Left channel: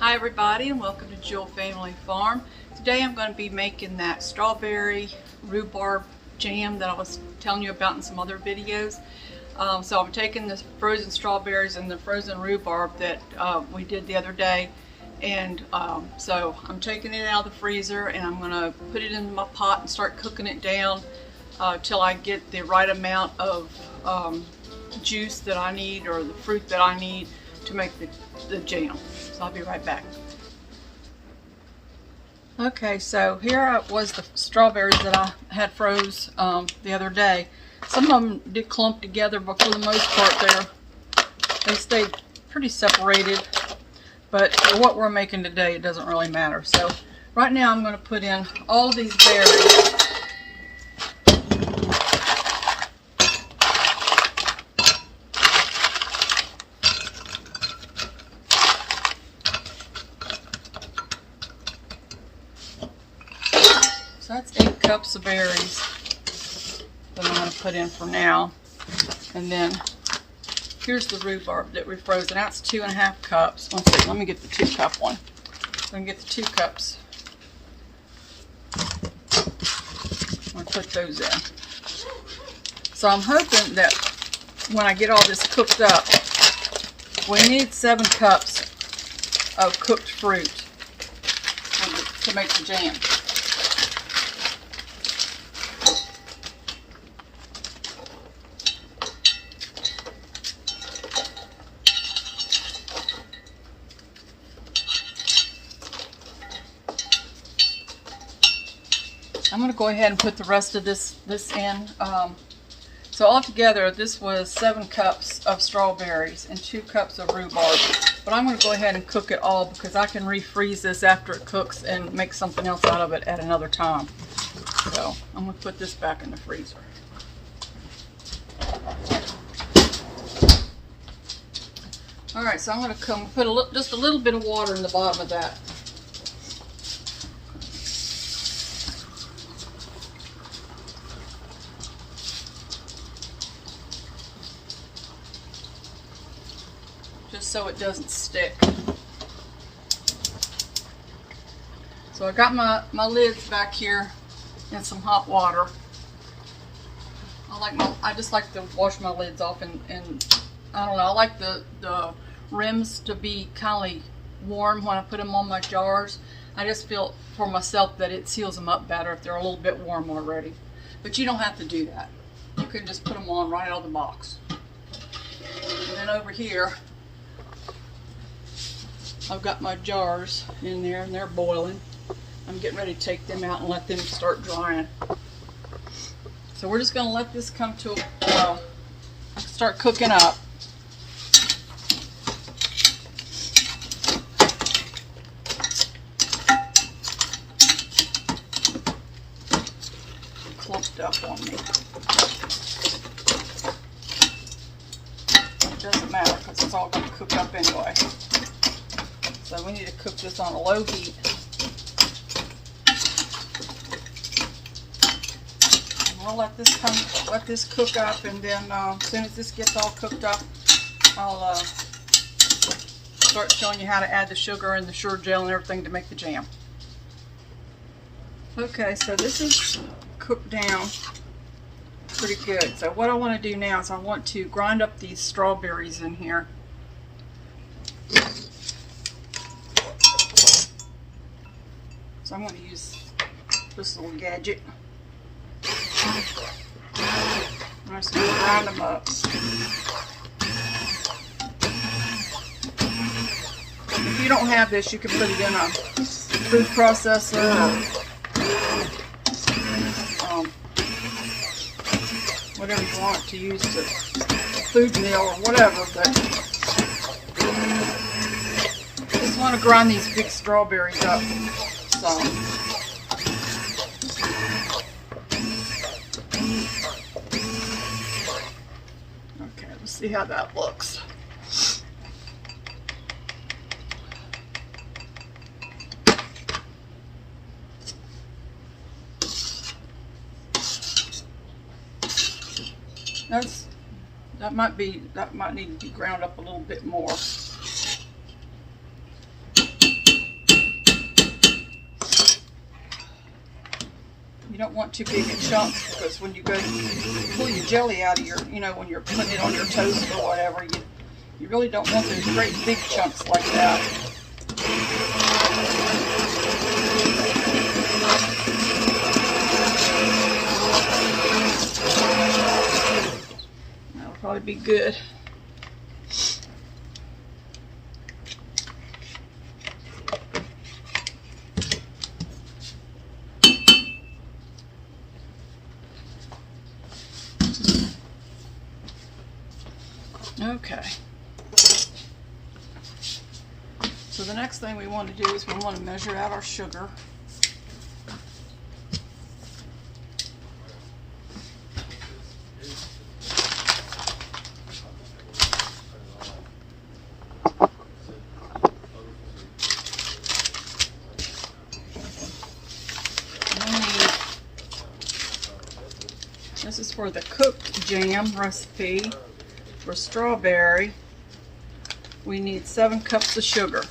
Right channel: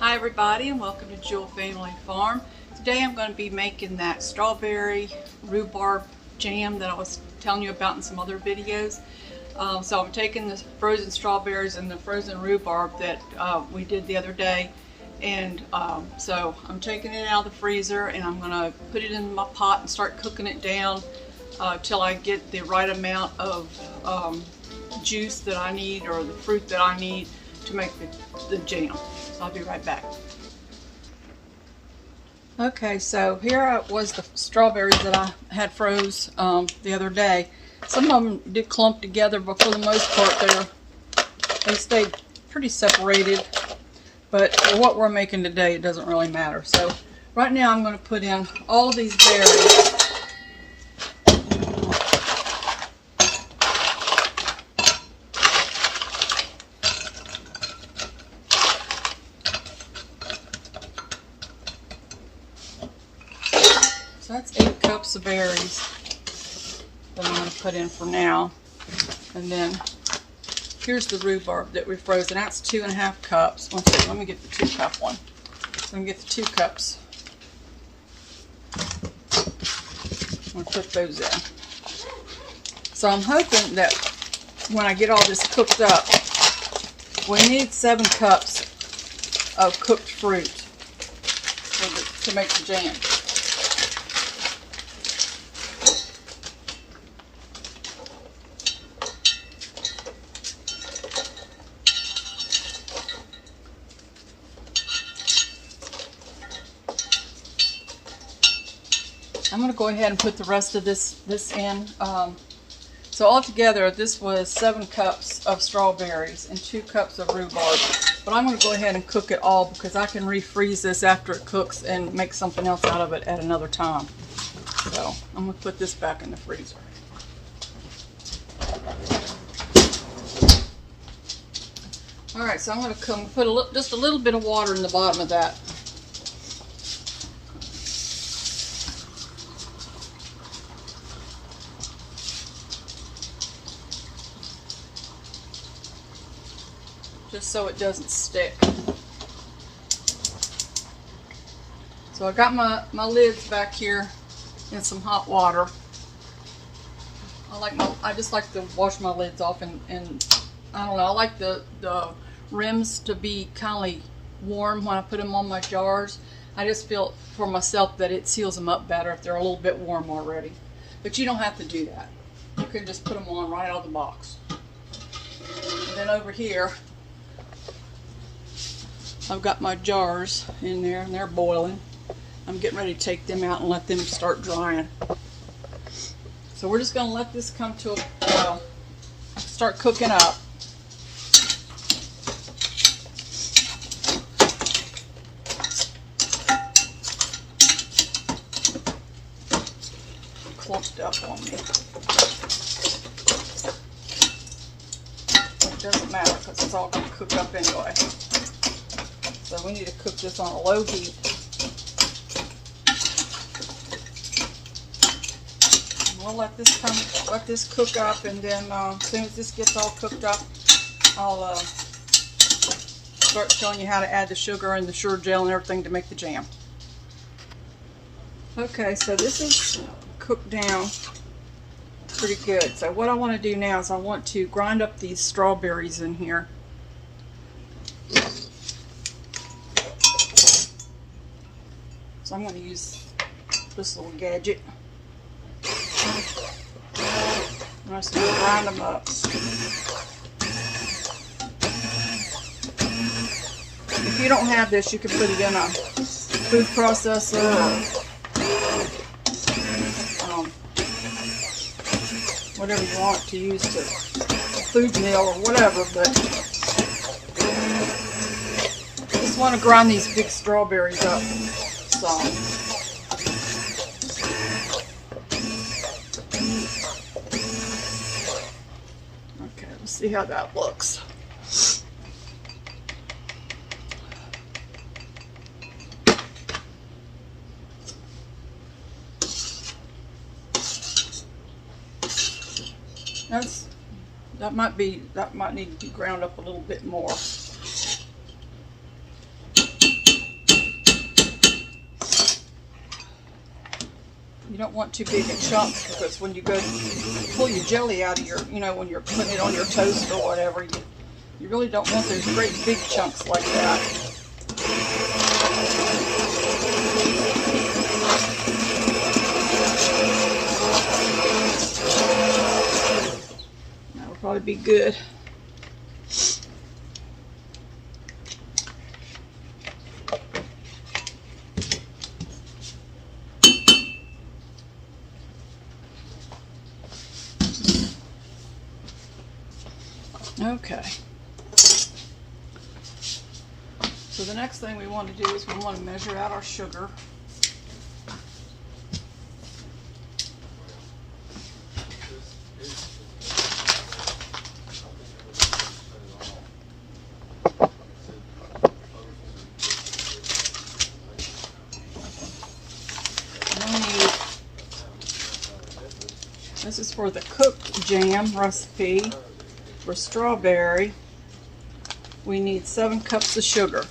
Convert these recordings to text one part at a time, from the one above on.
Hi everybody, and welcome to Jewell Family Farm. Today I'm going to be making that strawberry rhubarb jam that I was telling you about in some other videos. So I'm taking the frozen strawberries and the frozen rhubarb that we did the other day, and so I'm taking it out of the freezer and I'm going to put it in my pot and start cooking it down till I get the right amount of juice that I need, or the fruit that I need to make the jam. So I'll be right back. Okay, so here was the strawberries that I had froze the other day. Some of them did clump together, but for the most part they stayed pretty separated. But for what we're making today, it doesn't really matter. So right now I'm going to put in all of these berries. So that's 8 cups of berries that I'm going to put in for now. And then here's the rhubarb that we froze, and that's 2.5 cups. One second, let me get the 2-cup one. I'm going to get the 2 cups. I'm going to put those in. So I'm hoping that when I get all this cooked up, we need 7 cups of cooked fruit to make the jam. I'm going to go ahead and put the rest of this in. So altogether, this was 7 cups of strawberries and 2 cups of rhubarb. But I'm going to go ahead and cook it all because I can refreeze this after it cooks and make something else out of it at another time. So I'm going to put this back in the freezer. All right, so I'm going to put just a little bit of water in the bottom of that. Just so it doesn't stick. So I got my lids back here in some hot water. I just like to wash my lids off, and I don't know, I like the rims to be kind of warm when I put them on my jars. I just feel for myself that it seals them up better if they're a little bit warm already. But you don't have to do that. You can just put them on right out of the box. And then over here, I've got my jars in there and they're boiling. I'm getting ready to take them out and let them start drying. So we're just going to let this come to start cooking up. Clumped up on me. It doesn't matter because it's all going to cook up anyway. So we need to cook this on a low heat. And we'll let this cook up, and then as soon as this gets all cooked up, I'll start showing you how to add the sugar and the surejel and everything to make the jam. Okay, so this is cooked down pretty good. So what I want to do now is I want to grind up these strawberries in here. So I'm going to use this little gadget. I'm just going to grind them up. If you don't have this, you can put it in a food processor or whatever you want to use, to food meal or whatever. But I just want to grind these big strawberries up. Okay, let's see how that looks. That might need to be ground up a little bit more. don't want too big of chunks, because when you go pull your jelly out of your, when you're putting it on your toast or whatever, you really don't want those great big chunks like that. That'll probably be good. Okay, so the next thing we want to do is we want to measure out our sugar. This is for the cooked jam recipe. For strawberry, we need 7 cups of sugar.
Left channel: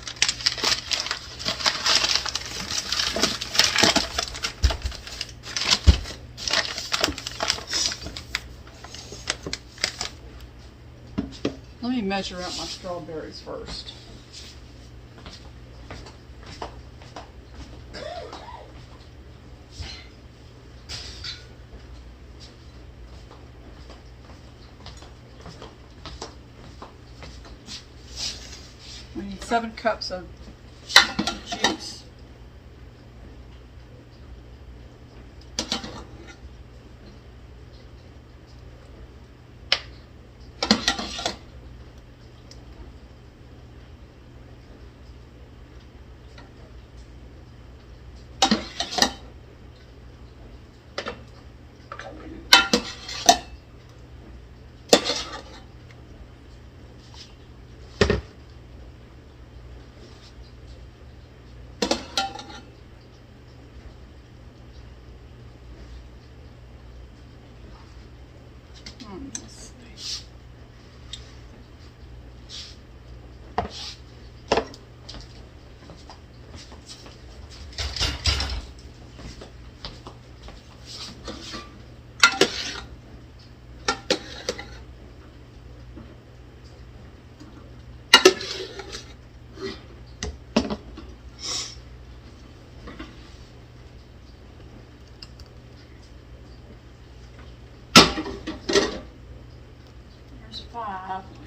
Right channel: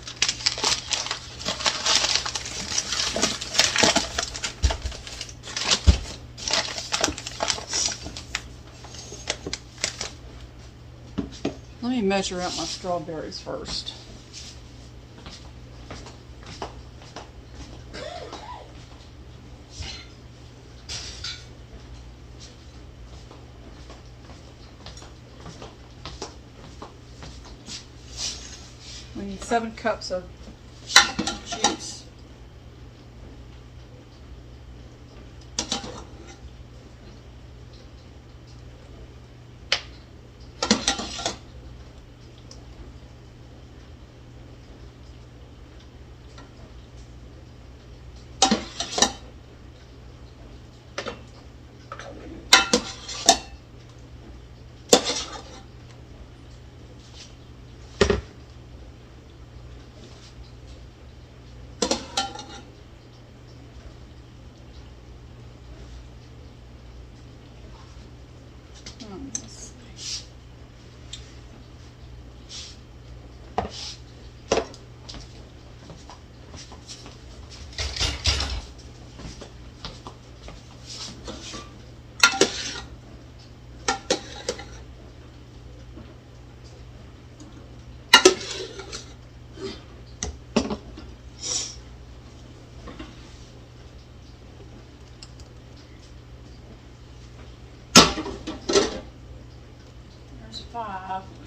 Let me measure out my strawberries first. We need 7 cups of juice. Let's see.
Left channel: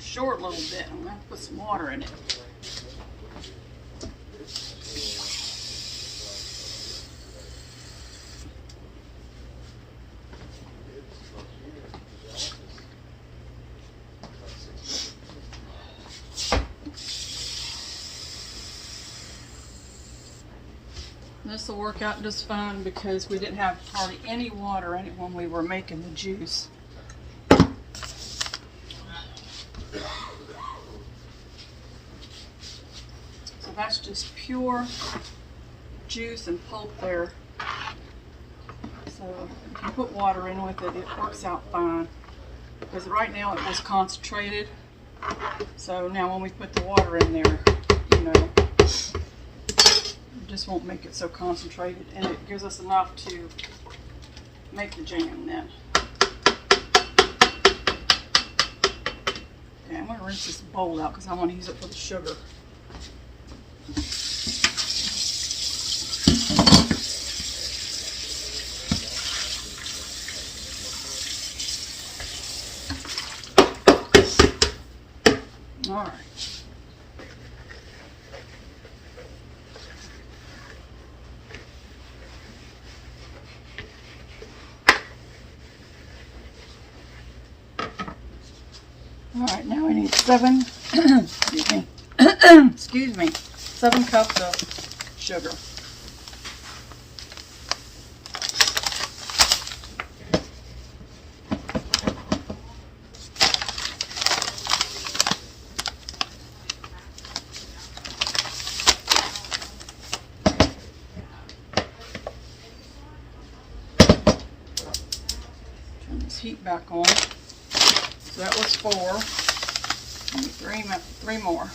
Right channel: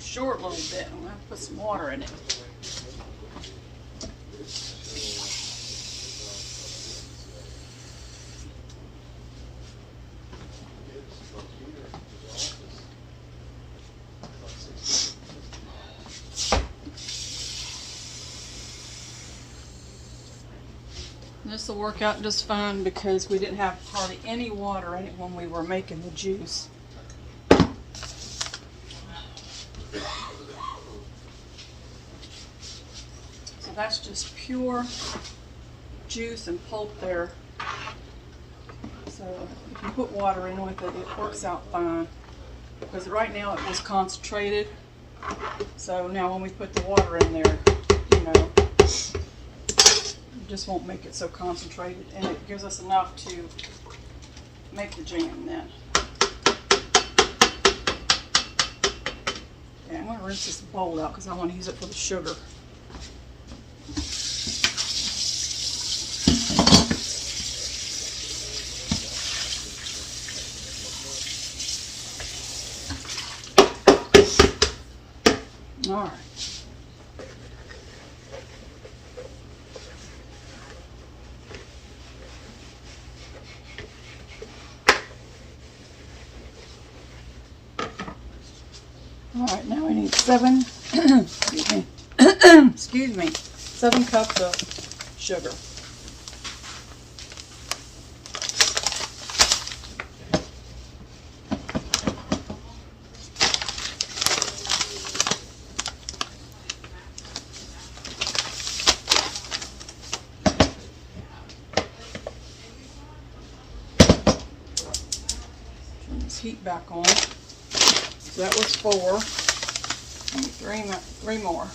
Short a little bit. I'm going to have to put some water in it. This will work out just fine because we didn't have hardly any water in it when we were making the juice. That's just pure juice and pulp there. So if you put water in with it, it works out fine. Because right now it was concentrated. So now when we put the water in there, it just won't make it so concentrated. And it gives us enough to make the jam then. Okay, I'm going to rinse this bowl out because I want to use it for the sugar. All right. All right, now we need 7, excuse me, 7 cups of sugar. Turn this heat back on. So that was 4. And 3 more.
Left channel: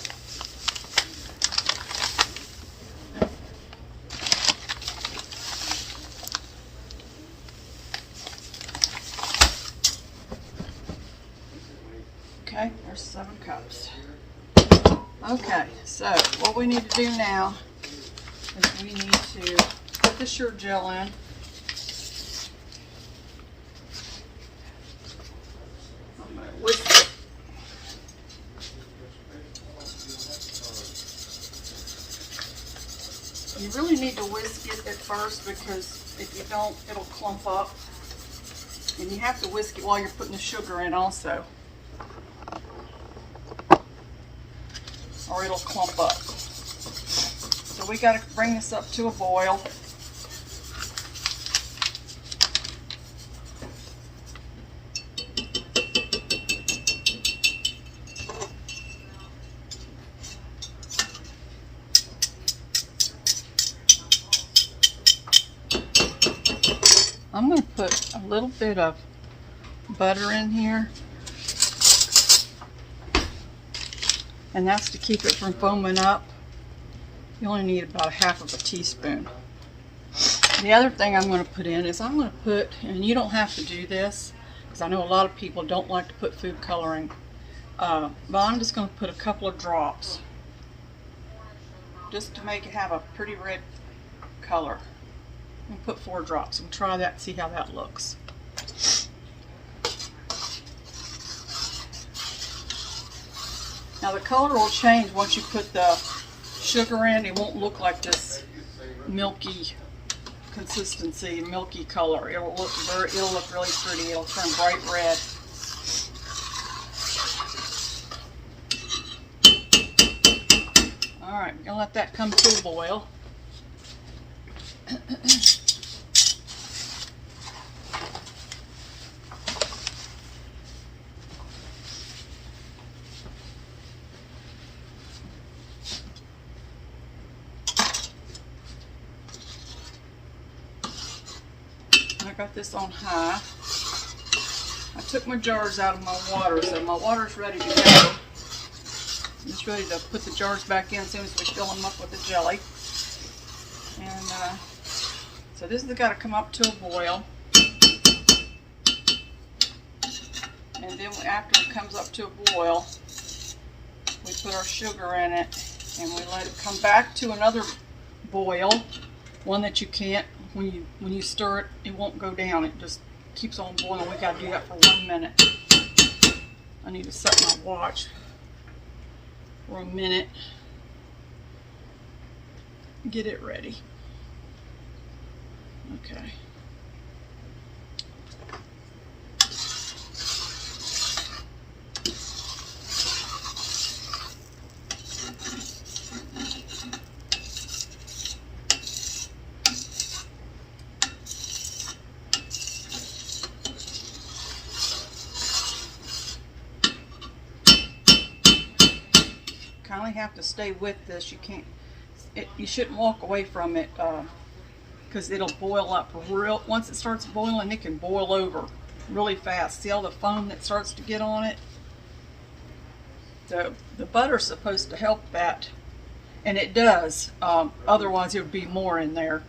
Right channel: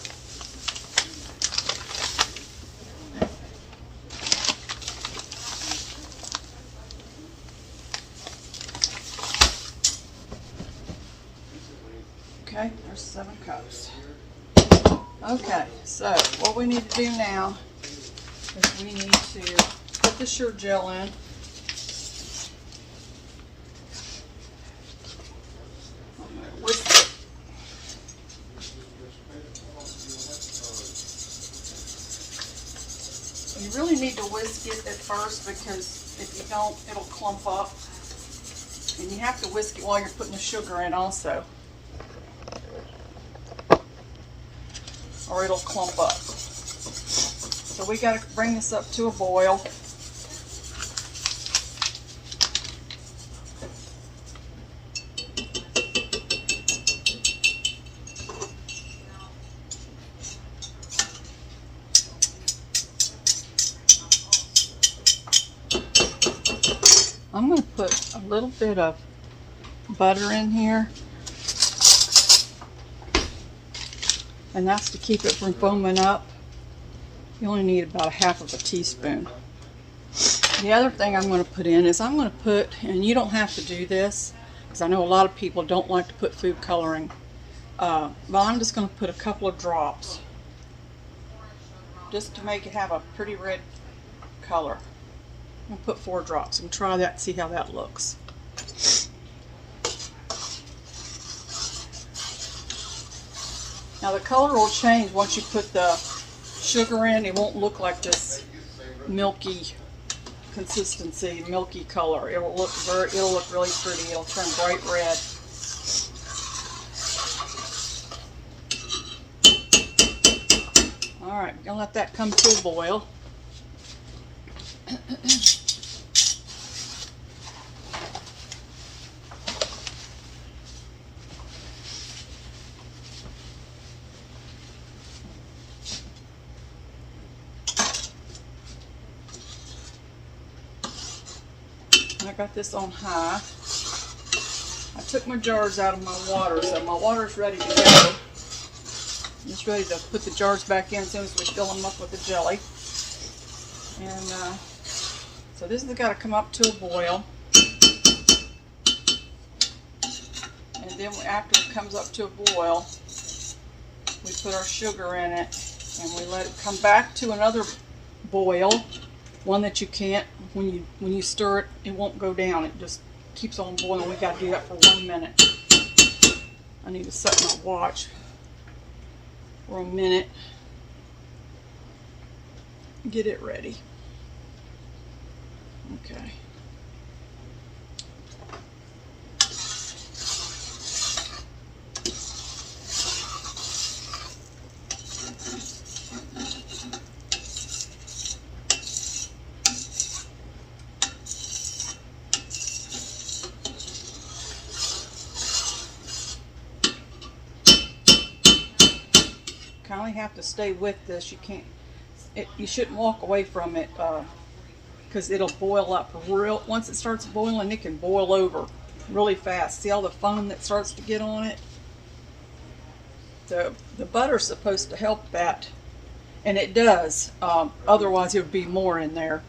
Okay, so what we need to do now is we need to put the surejel in. I'm going to whisk it. You really need to whisk it at first, because if you don't, it'll clump up. And you have to whisk it while you're putting the sugar in also, or it'll clump up. So we got to bring this up to a boil. I'm going to put a little bit of butter in here, and that's to keep it from foaming up. You only need about 1/2 teaspoon. The other thing I'm going to put in is I'm going to put, and you don't have to do this, because I know a lot of people don't like to put food coloring, but I'm just going to put a couple of drops, just to make it have a pretty red color. I'll put 4 drops and try that, see how that looks. Now the color will change once you put the sugar in. It won't look like this milky consistency, milky color. It'll look really pretty. It'll turn bright red. All right, gonna let that come to a boil. I got this on high. I took my jars out of my water, so my water's ready to go. I'm just ready to put the jars back in as soon as we fill them up with the jelly. And so this has got to come up to a boil. And then after it comes up to a boil, we put our sugar in it and we let it come back to another boil. One that you can't, when you stir it, it won't go down. It just keeps on boiling. We got to do that for 1 minute. I need to set my watch for a minute. Get it ready. Okay. Kind of have to stay with this. You can't. You shouldn't walk away from it because it'll boil up real. Once it starts boiling, it can boil over really fast. See all the foam that starts to get on it? The butter's supposed to help that, and it does. Otherwise, there would be more in there,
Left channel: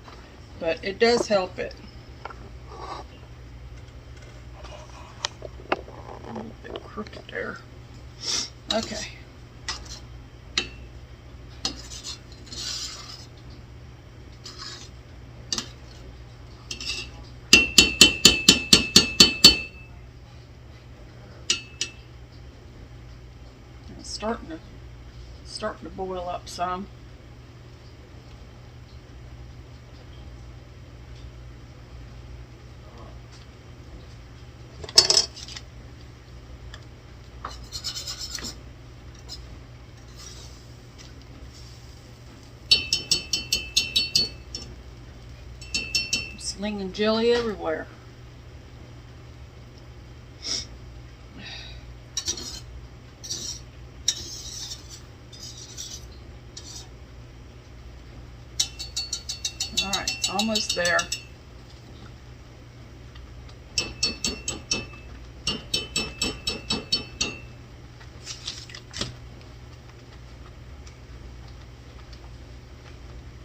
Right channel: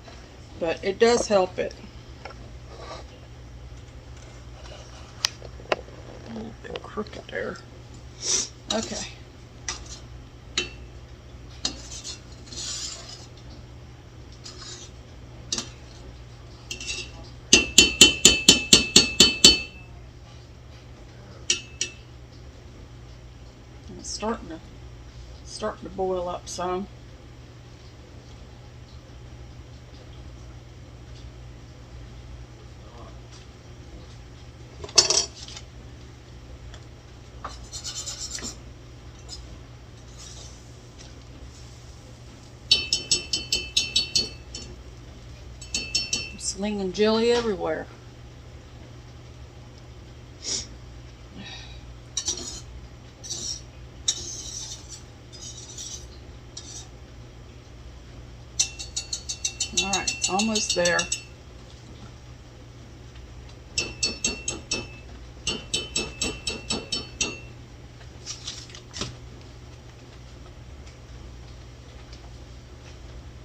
but it does help it. A little bit crooked there. Okay. Starting to boil up some. Slinging jelly everywhere. Alright, it's almost there.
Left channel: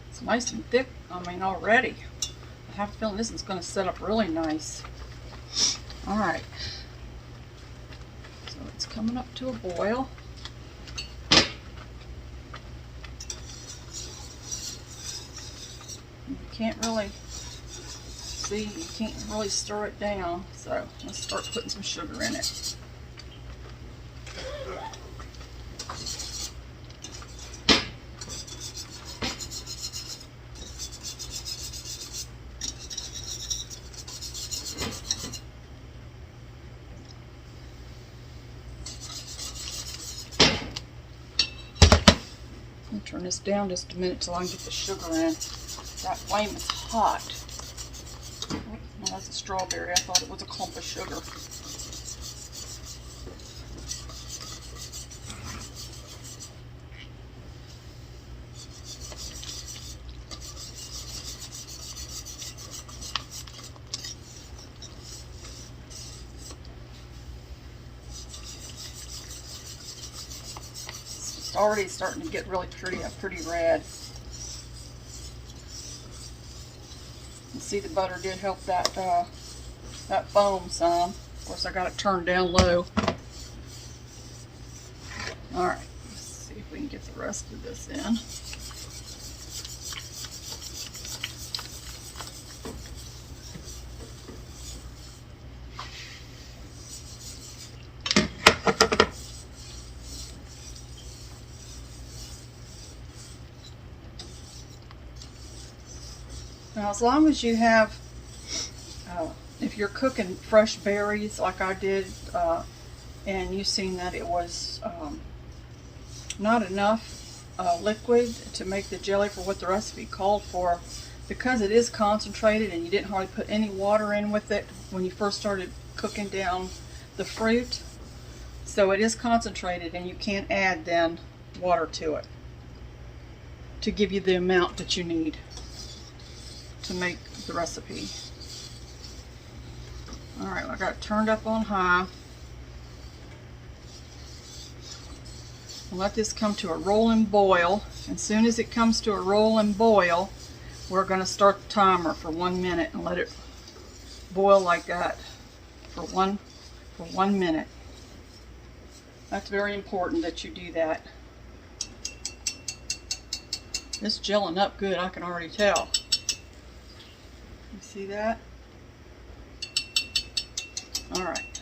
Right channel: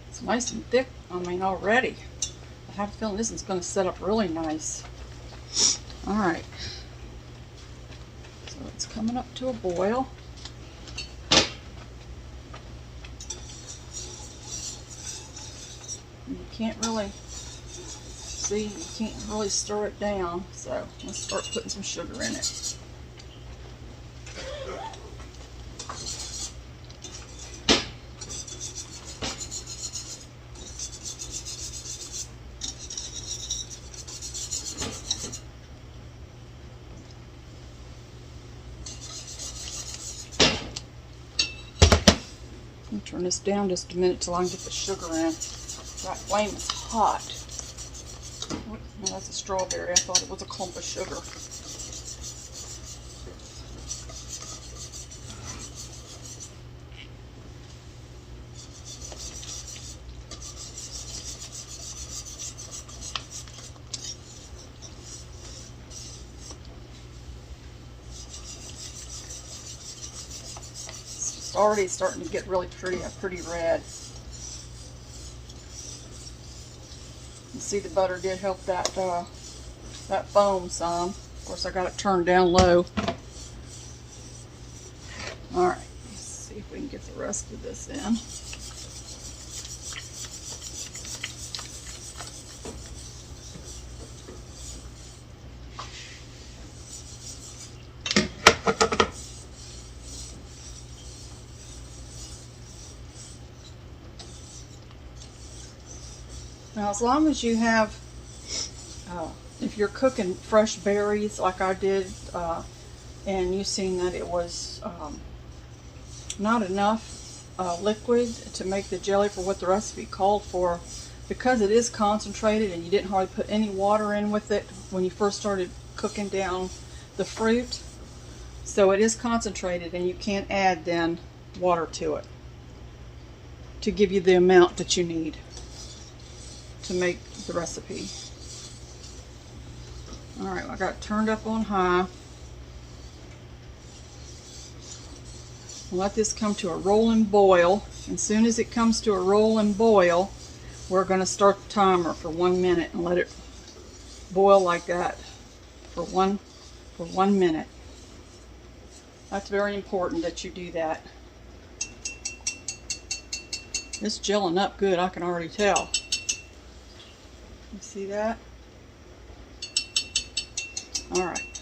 It's nice and thick, already. I have a feeling this is going to set up really nice. Alright. So it's coming up to a boil. can't really see, you can't really stir it down. So let's start putting some sugar in it. Turn this down just a minute till I can get the sugar in. That flame is hot. Oh, that's a strawberry. I thought it was a clump of sugar. It's already starting to get really pretty red. You see the butter did help that that foam some. Of course I got it turned down low. Alright, let's see if we can get the rest of this in. Now, as long as you have, if you're cooking fresh berries like I did, and you've seen that it was not enough liquid to make the jelly for what the recipe called for, because it is concentrated and you didn't hardly put any water in with it when you first started cooking down the fruit, so it is concentrated and you can't add then water to it to give you the amount that you need to make the recipe. Alright, I got it turned up on high. We'll let this come to a rolling boil. As soon as it comes to a rolling boil, we're going to start the timer for 1 minute and let it boil like that for one minute. That's very important that you do that. It's gelling up good, I can already tell. You see that? Alright.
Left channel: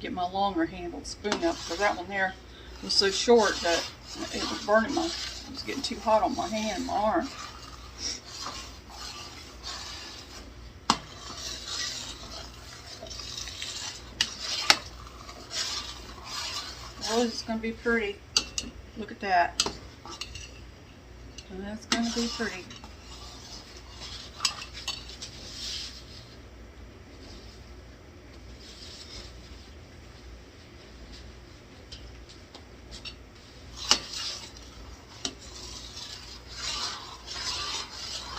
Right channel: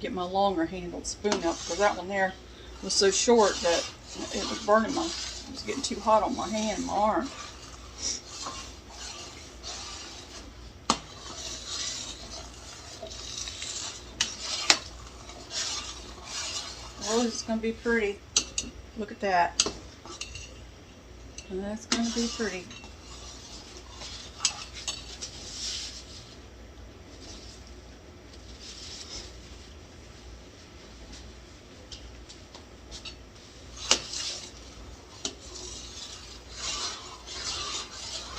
Get my longer handled spoon up because that one there was so short that it was burning my, it was getting too hot on my hand, my arm. Oh, this is going to be pretty. Look at that. And that's going to be pretty.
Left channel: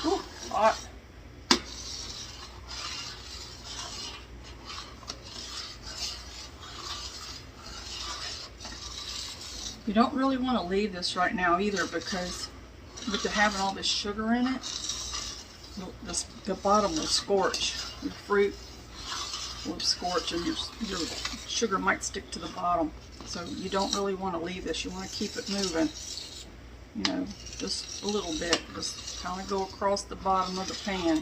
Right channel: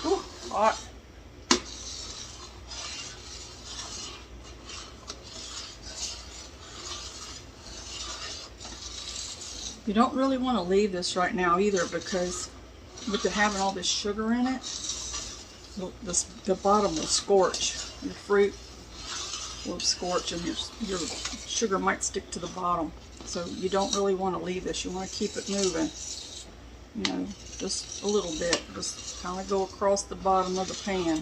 Ooh, hot. You don't really want to leave this right now either, because with it having all this sugar in it, the bottom will scorch. The fruit will scorch and your sugar might stick to the bottom. So you don't really want to leave this. You want to keep it moving. You know, just a little bit. Just kind of go across the bottom of the pan.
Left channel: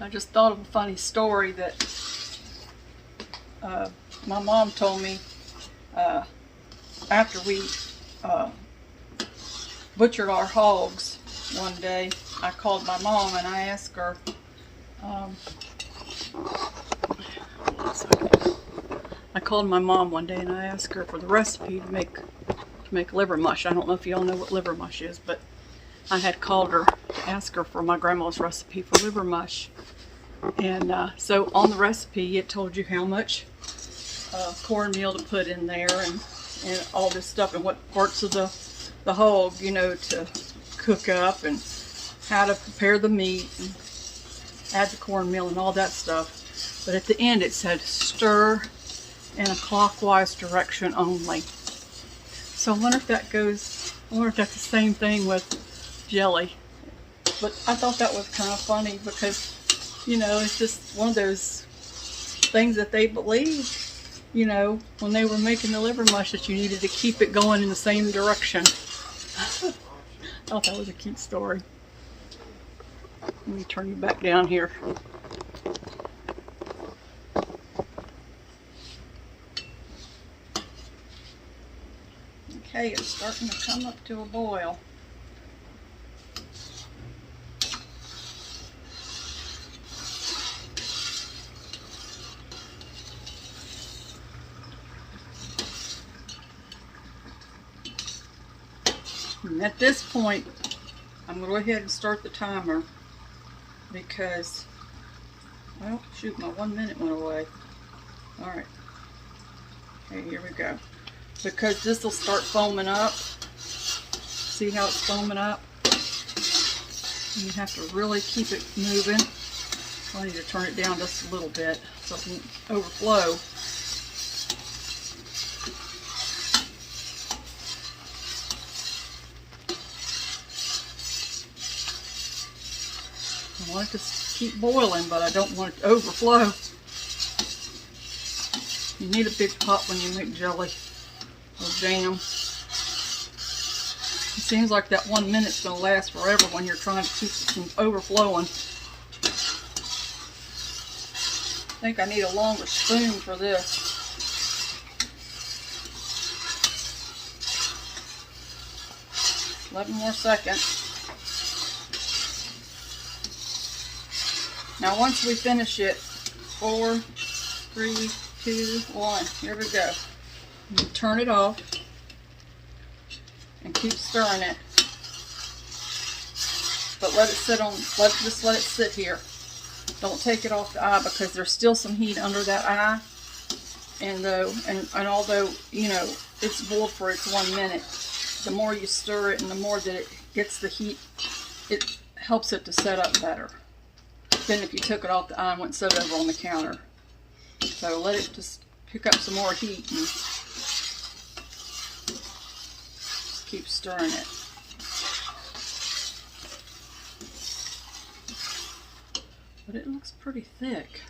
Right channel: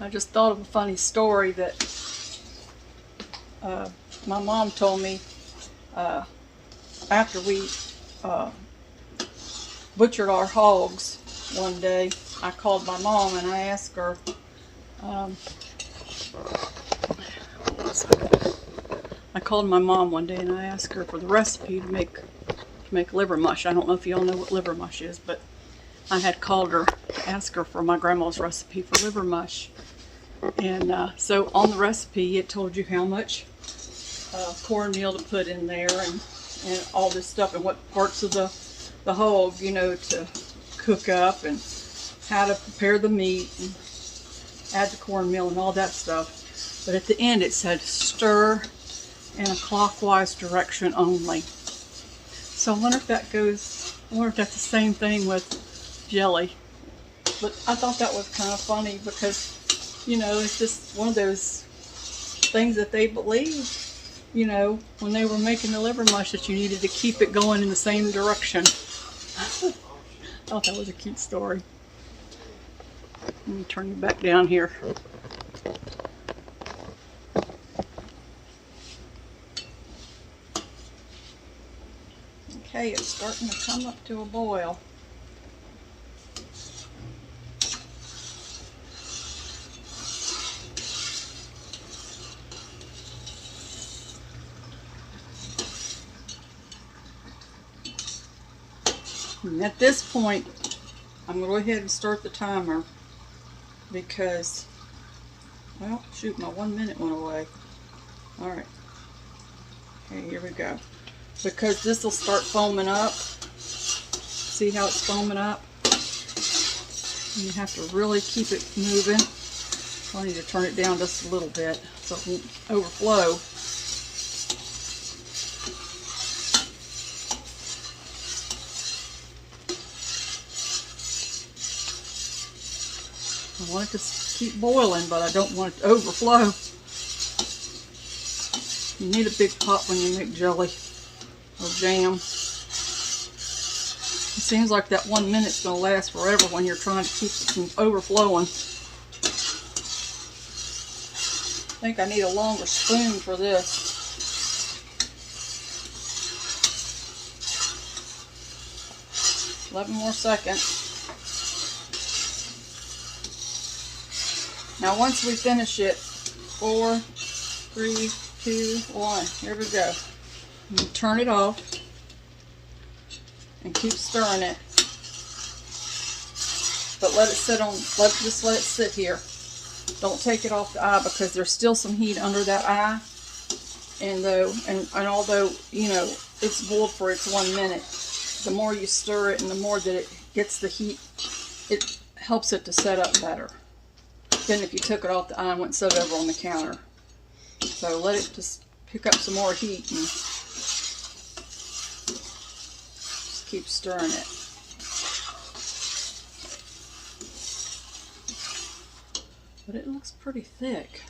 I just thought of a funny story that my mom told me after we butchered our hogs one day. I called my mom and I asked her, I called my mom one day and I asked her for the recipe to make liver mush. I don't know if y'all know what liver mush is, but I had called her to ask her for my grandma's recipe for liver mush. And so on the recipe it told you how much cornmeal to put in there and all this stuff and what parts of the hog, you know, to cook up and how to prepare the meat and add the cornmeal and all that stuff. But at the end it said stir in a clockwise direction only. So I wonder if that goes, I wonder if that's the same thing with jelly. But I thought that was kind of funny because, you know, it's just one of those things that they believed, you know, when they were making the liver mush, that you needed to keep it going in the same direction. I thought that was a cute story. Let me turn you back down here. Okay, it's starting to come up to a boil. And at this point, I'm going to go ahead and start the timer because, well, shoot, my 1 minute went away. Alright, okay, here we go. Because this will start foaming up. See how it's foaming up? And you have to really keep it moving. I need to turn it down just a little bit so it won't overflow. I want it to keep boiling, but I don't want it to overflow. You need a big pot when you make jelly or jam. It seems like that 1 minute's going to last forever when you're trying to keep it from overflowing. I think I need a longer spoon for this. Eleven more seconds. Now once we finish it, 4, 3, 2, 1, here we go. You turn it off and keep stirring it. But let it sit on, just let it sit here. Don't take it off the eye because there's still some heat under that eye. And although, you know, it's boiled for its 1 minute, the more you stir it and the more that it gets the heat, it helps it to set up better than if you took it off the eye and went and set it over on the counter. So let it just pick up some more heat and just keep stirring it. But it looks pretty thick.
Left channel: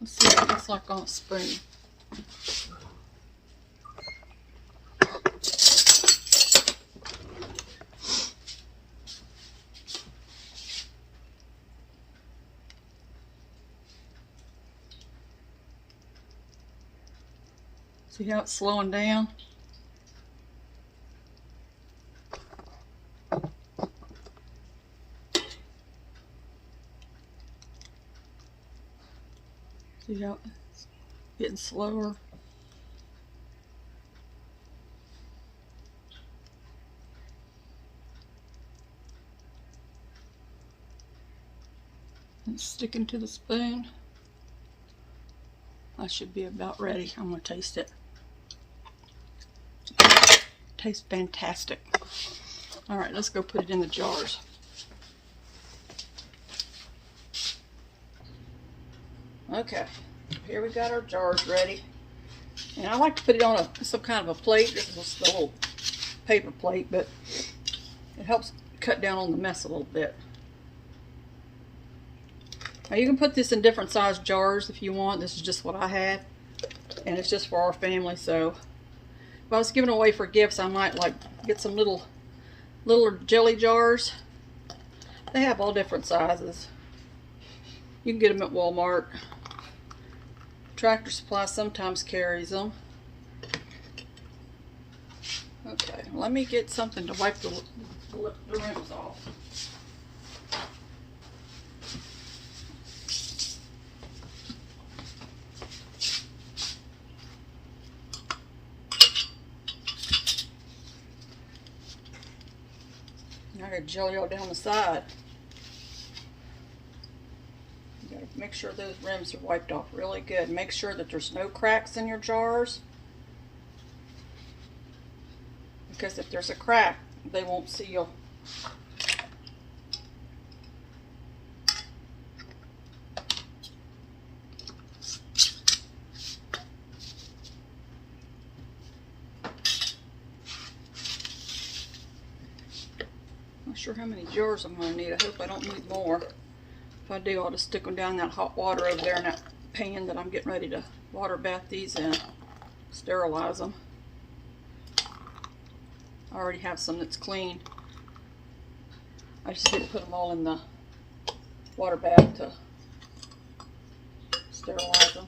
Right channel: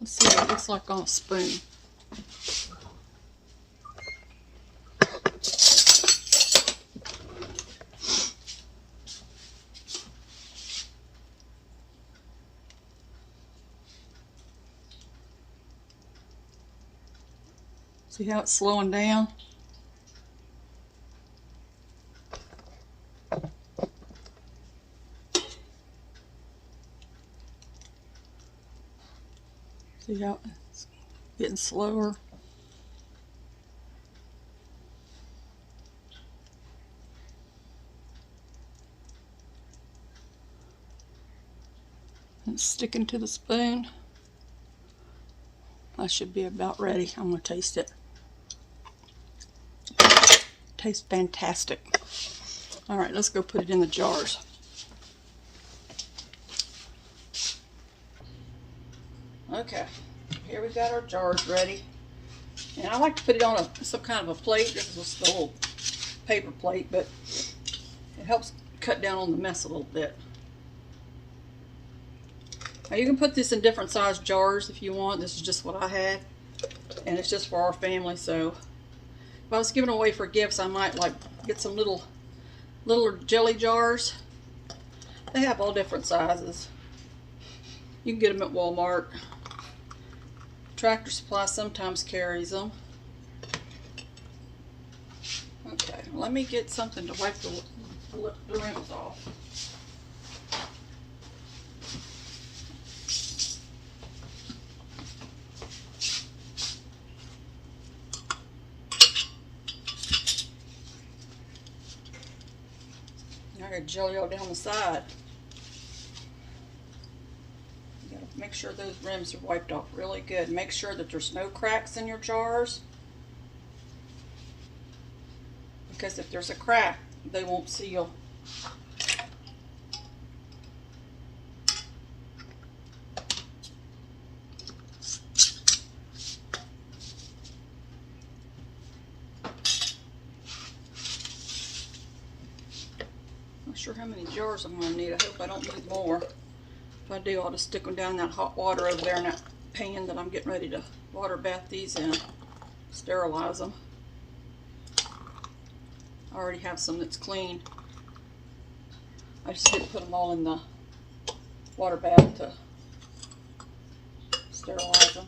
Let's see what it looks like on a spoon. See how it's slowing down? See how it's getting slower? It's sticking to the spoon. I should be about ready. I'm going to taste it. Tastes fantastic. Alright, let's go put it in the jars. Okay, here we got our jars ready. And I like to put it on some kind of a plate. This is a little paper plate, but it helps cut down on the mess a little bit. Now you can put this in different size jars if you want. This is just what I have. And it's just for our family, so if I was giving away for gifts, I might like get some little jelly jars. They have all different sizes. You can get them at Walmart. Tractor Supply sometimes carries them. Okay, let me get something to wipe the rims off. I got jelly all down the side. You gotta make sure those rims are wiped off really good. Make sure that there's no cracks in your jars because if there's a crack, they won't seal. Not sure how many jars I'm going to need. I hope I don't need more. If I do, I'll just stick them down in that hot water over there in that pan that I'm getting ready to water bath these in. Sterilize them. I already have some that's clean. I just need to put them all in the water bath to sterilize them.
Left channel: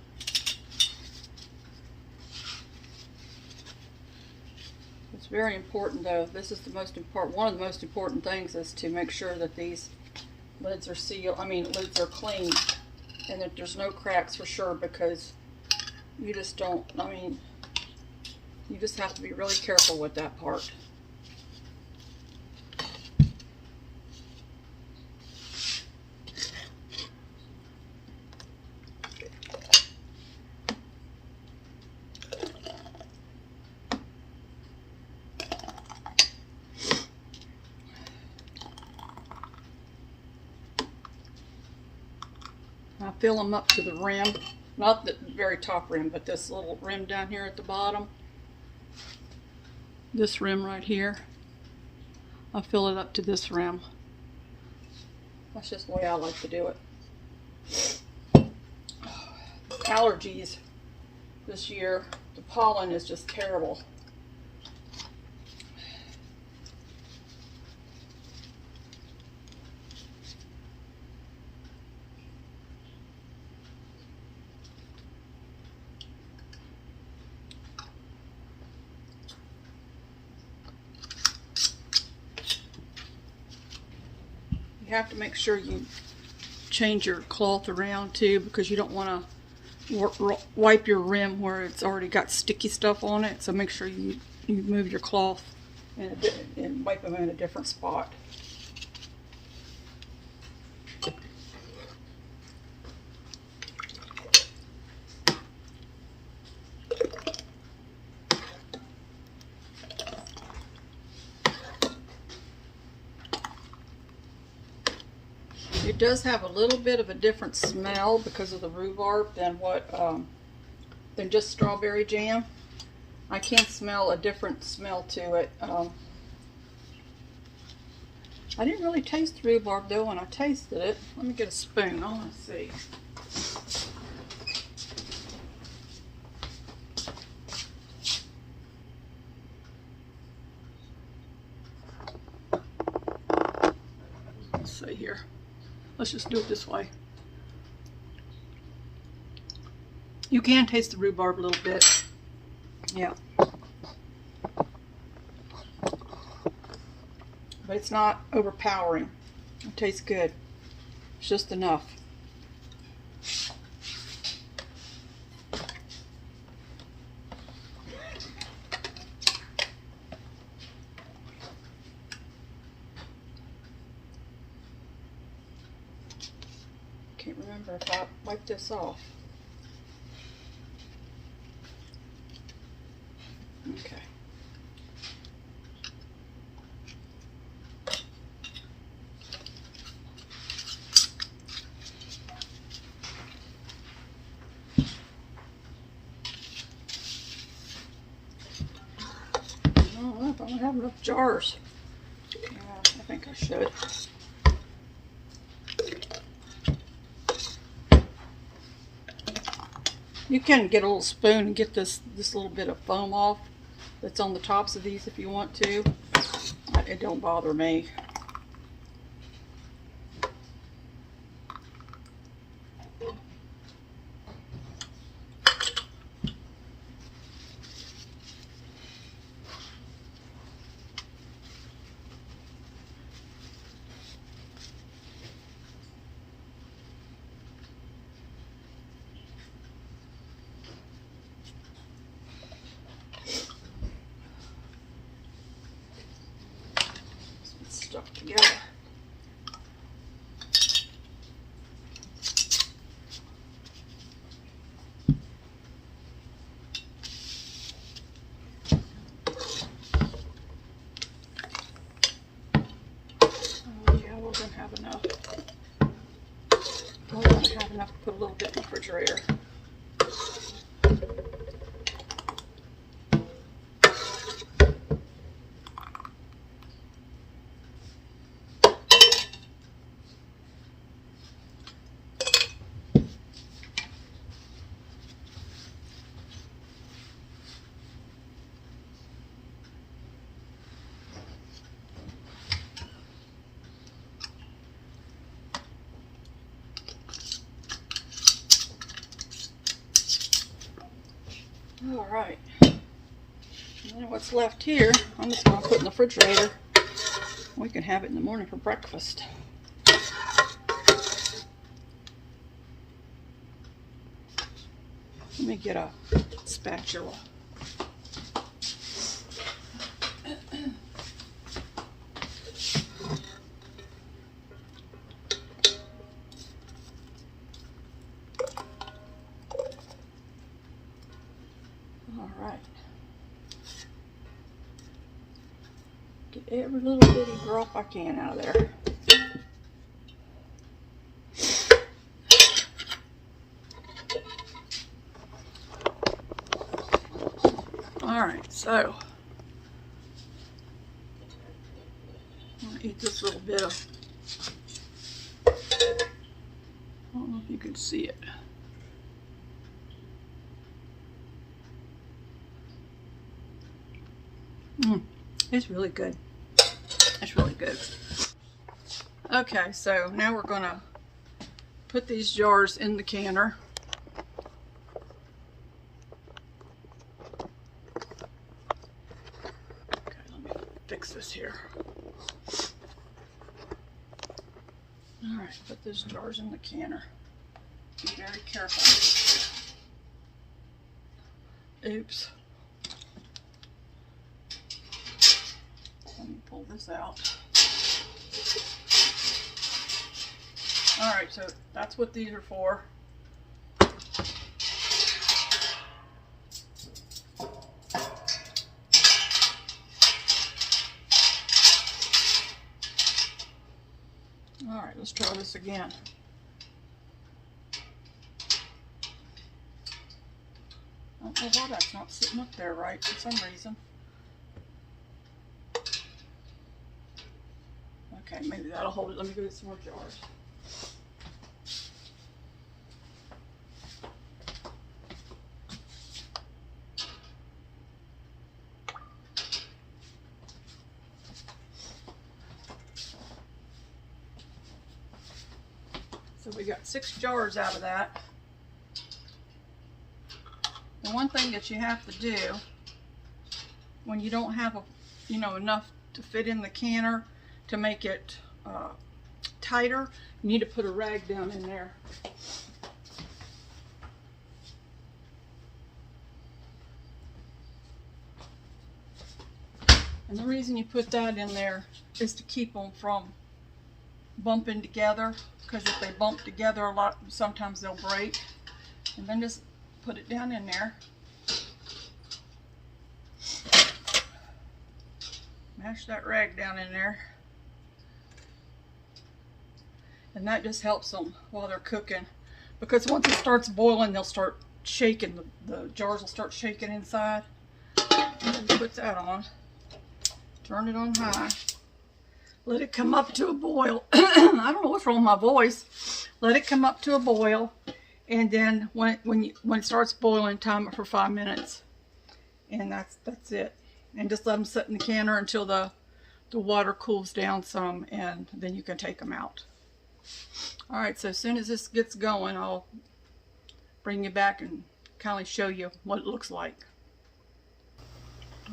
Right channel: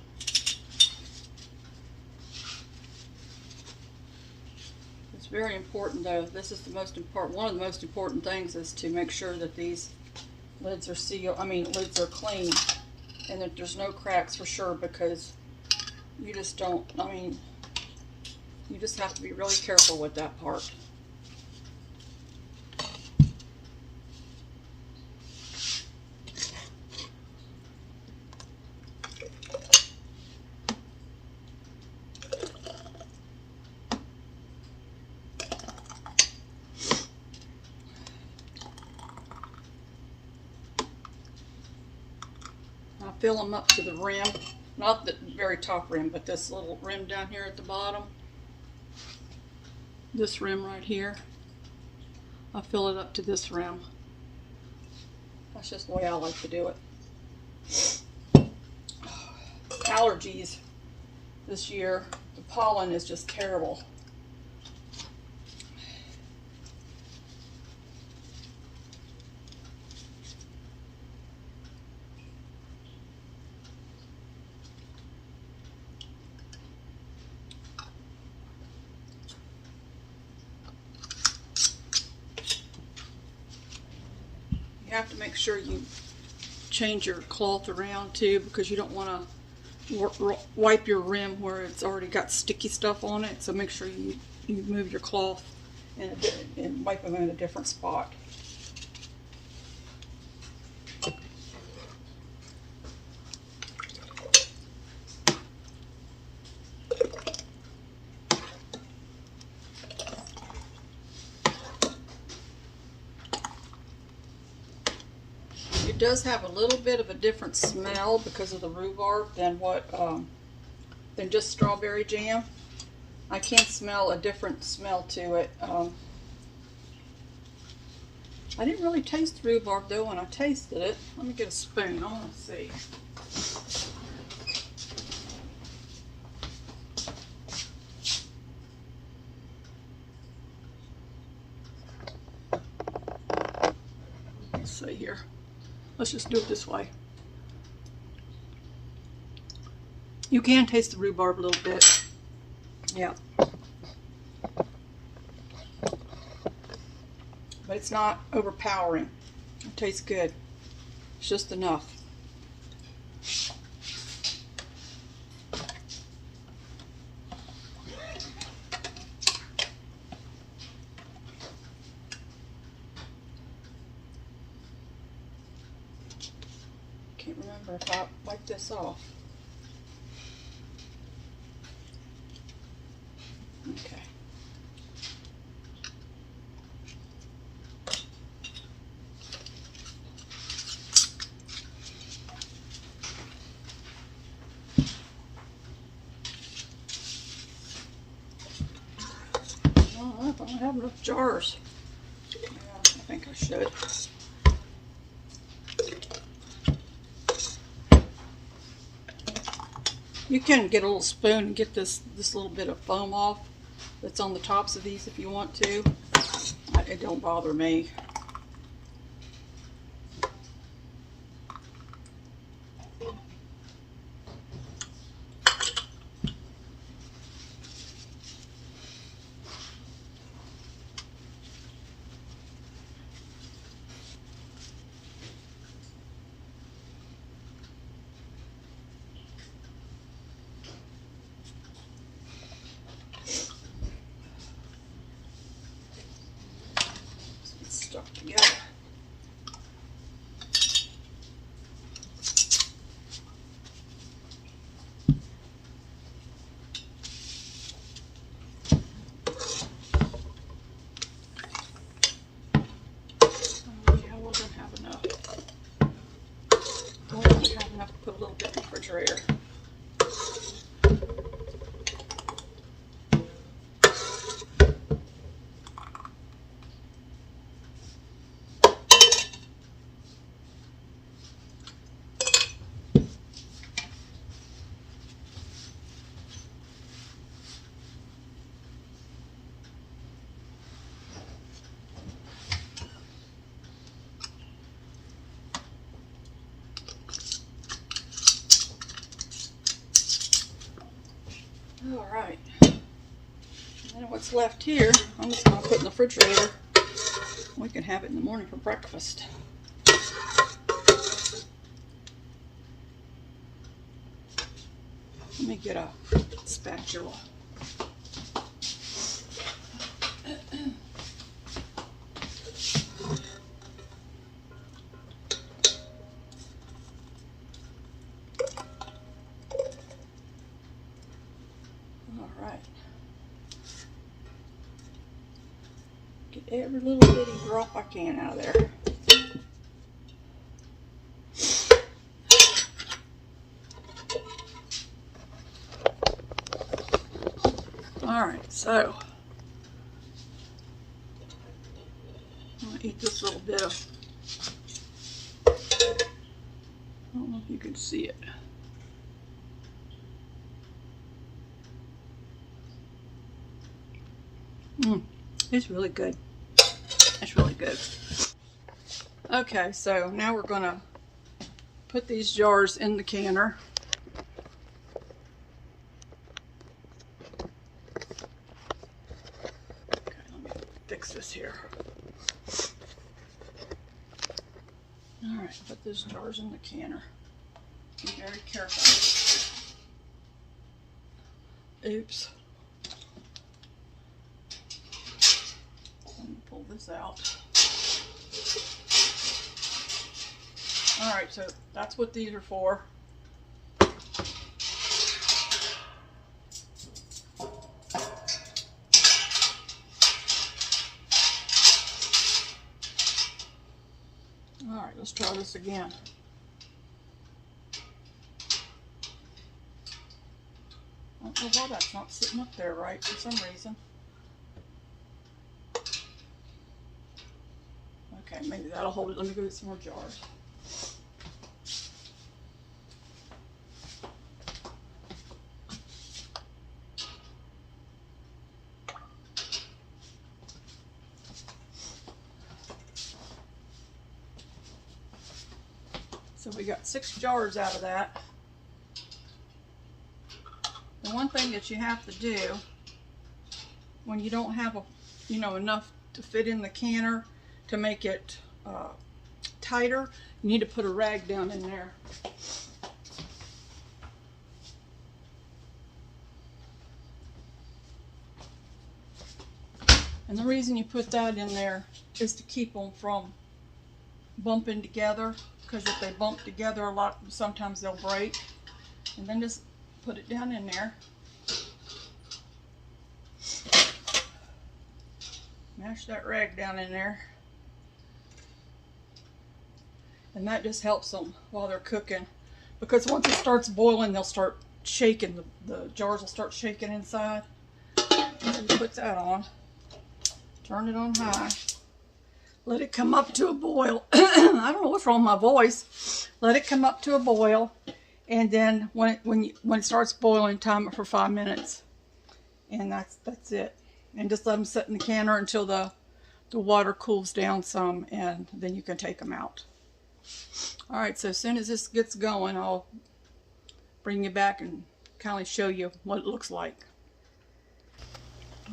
It's very important though. This is the most important, one of the most important things is to make sure that these lids are sealed, lids are clean and that there's no cracks for sure, because you just don't, you just have to be really careful with that part. I fill them up to the rim, not the very top rim, but this little rim down here at the bottom. This rim right here, I fill it up to this rim. That's just the way I like to do it. Allergies this year, the pollen is just terrible. You have to make sure you change your cloth around too, because you don't want to wipe your rim where it's already got sticky stuff on it. So make sure you move your cloth and wipe them in a different spot. It does have a little bit of a different smell because of the rhubarb than than just strawberry jam. I can smell a different smell to it. I didn't really taste the rhubarb though when I tasted it. Let me get a spoon. I want to see. Let's see here. Let's just do it this way. You can taste the rhubarb a little bit. Yeah. But it's not overpowering. It tastes good. It's just enough. Can't remember if I wiped this off. Okay. Oh, I don't have enough jars. Yeah, I think I should. You can get a little spoon and get this little bit of foam off that's on the tops of these if you want to. It don't bother me. Stuff Alright. And what's left here, I'm just going to put in the refrigerator. We can have it in the morning for breakfast. Let me get a spatula. Alright. Get every little bitty drop I can out of there. Alright, so I'm going to eat this little bit of, I don't know if you can see it. It's really good. It's really good. Okay, so now we're going to put these jars in the canner. Okay, let me fix this here. Alright, put those jars in the canner. Be very careful. Oops. Let me pull this out. Alright, so that's what these are for. Alright, let's try this again. I don't know why that's not sitting up there right for some reason. Okay, maybe that'll hold it. Let me go get some more jars. So we got 6 jars out of that. The one thing that you have to do when you don't have enough to fit in the canner to make it tighter, you need to put a rag down in there. And the reason you put that in there is to keep them from bumping together, because if they bump together sometimes they'll break. And then just put it down in there. Mash that rag down in there. And that just helps them while they're cooking, because once it starts boiling, they'll start shaking. The jars will start shaking inside. So you put that on. Turn it on high. Let it come up to a boil. I don't know what's wrong with my voice. Let it come up to a boil, and then when it starts boiling, time it for 5 minutes, and that's it. And just let them sit in the canner until the water cools down some, and then you can take them out. All right, so as soon as this gets going, I'll bring you back and kind of show you what it looks like.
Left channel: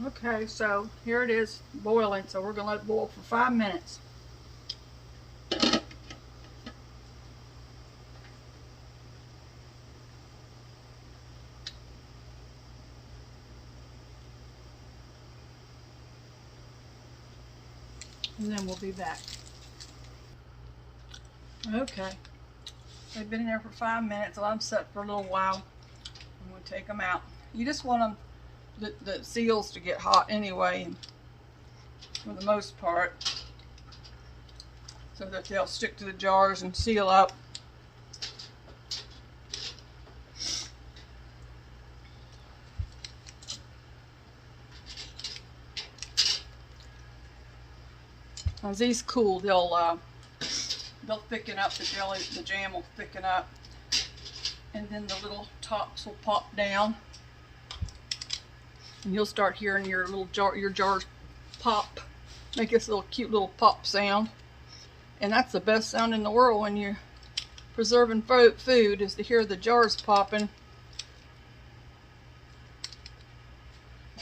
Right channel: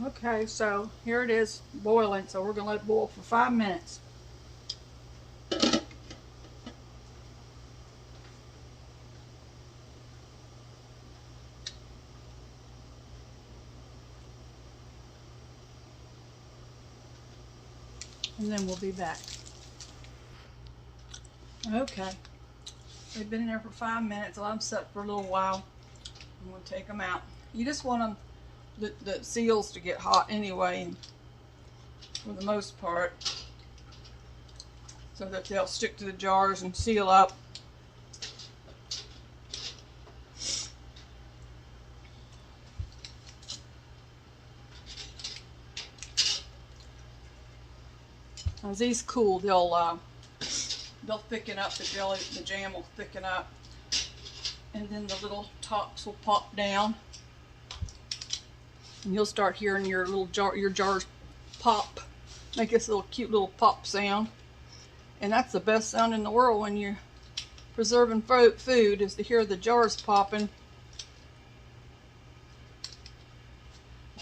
Okay, so here it is boiling, so we're going to let it boil for 5 minutes. And then we'll be back. Okay, they've been in there for 5 minutes. Let them set for a little while. I'm going to take them out. You just want them, the seals to get hot anyway, for the most part, so that they'll stick to the jars and seal up. As these cool, they'll thicken up. The jelly, the jam will thicken up, and then the little tops will pop down. And you'll start hearing your jars pop, make this little cute little pop sound. And that's the best sound in the world when you're preserving food, is to hear the jars popping.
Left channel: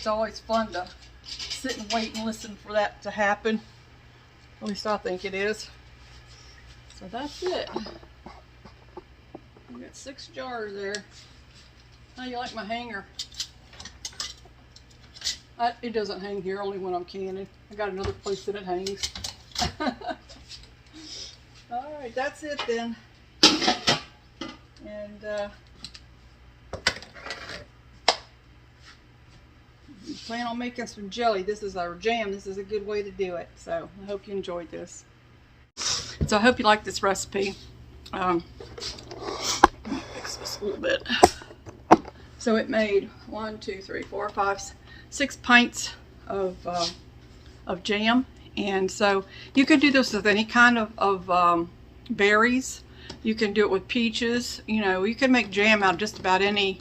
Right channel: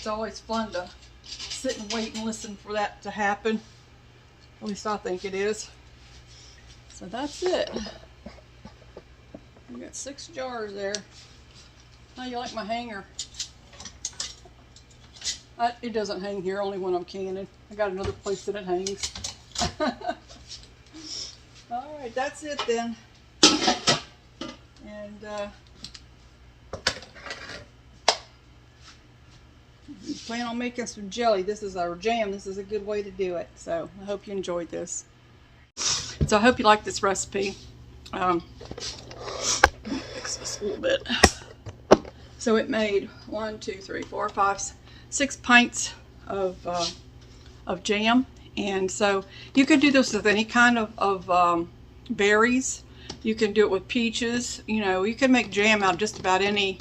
It's always fun to sit and wait and listen for that to happen. At least I think it is. So that's it. We got 6 jars there. How do you like my hanger? It doesn't hang here, only when I'm canning. I got another place that it hangs. Alright, that's it then. And plan on making some jelly. This is our jam. This is a good way to do it. So I hope you enjoyed this. So I hope you like this recipe. Let me fix this a little bit. So it made 1, 2, 3, 4, 5, 6 pints of jam. And so you can do this with any kind of berries. You can do it with peaches. You know, you can make jam out of just about any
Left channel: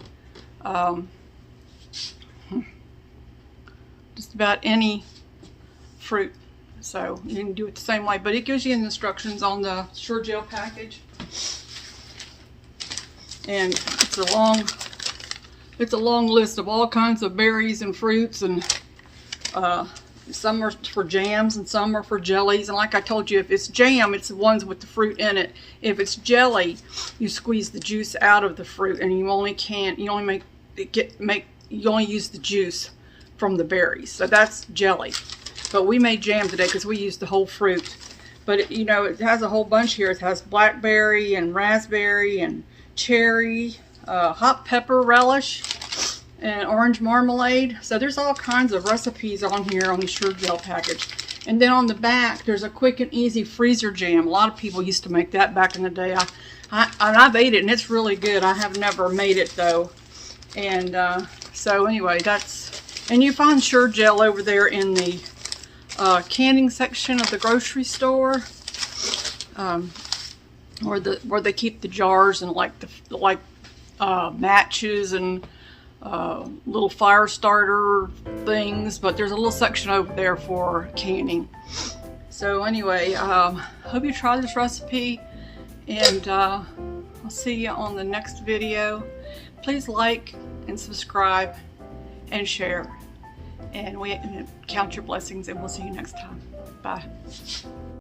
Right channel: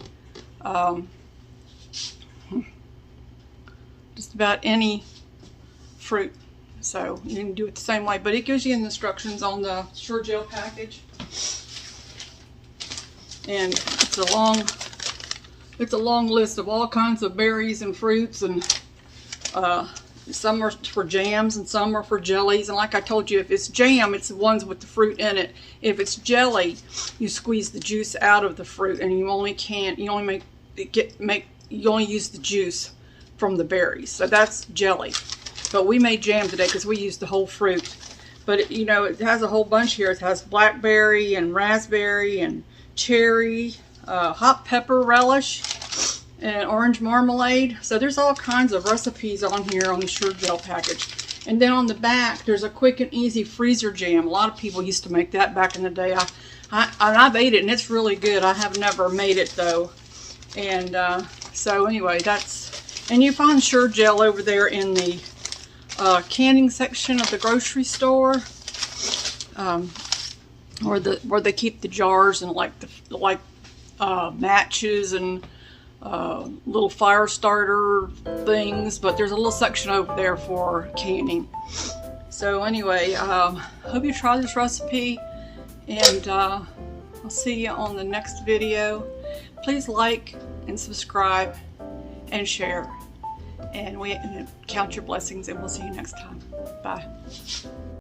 fruit. So you can do it the same way, but it gives you the instructions on the surejel package. And it's a long list of all kinds of berries and fruits, and some are for jams and some are for jellies. And like I told you, if it's jam, it's the ones with the fruit in it. If it's jelly, you squeeze the juice out of the fruit, and you only use the juice from the berries. So that's jelly. But we made jam today because we used the whole fruit. But you know, it has a whole bunch here. It has blackberry and raspberry and cherry, hot pepper relish, and orange marmalade. So there's all kinds of recipes on here on the surejel package. And then on the back, there's a quick and easy freezer jam. A lot of people used to make that back in the day. I've ate it and it's really good. I have never made it though. And so anyway, and you find surejel over there in the canning section of the grocery store, where they keep the jars and like matches and little fire starter things. But there's a little section over there for canning. So anyway, hope you try this recipe, and I'll see you on the next video. Please like and subscribe and share, and count your blessings, and we'll see you next time. Bye.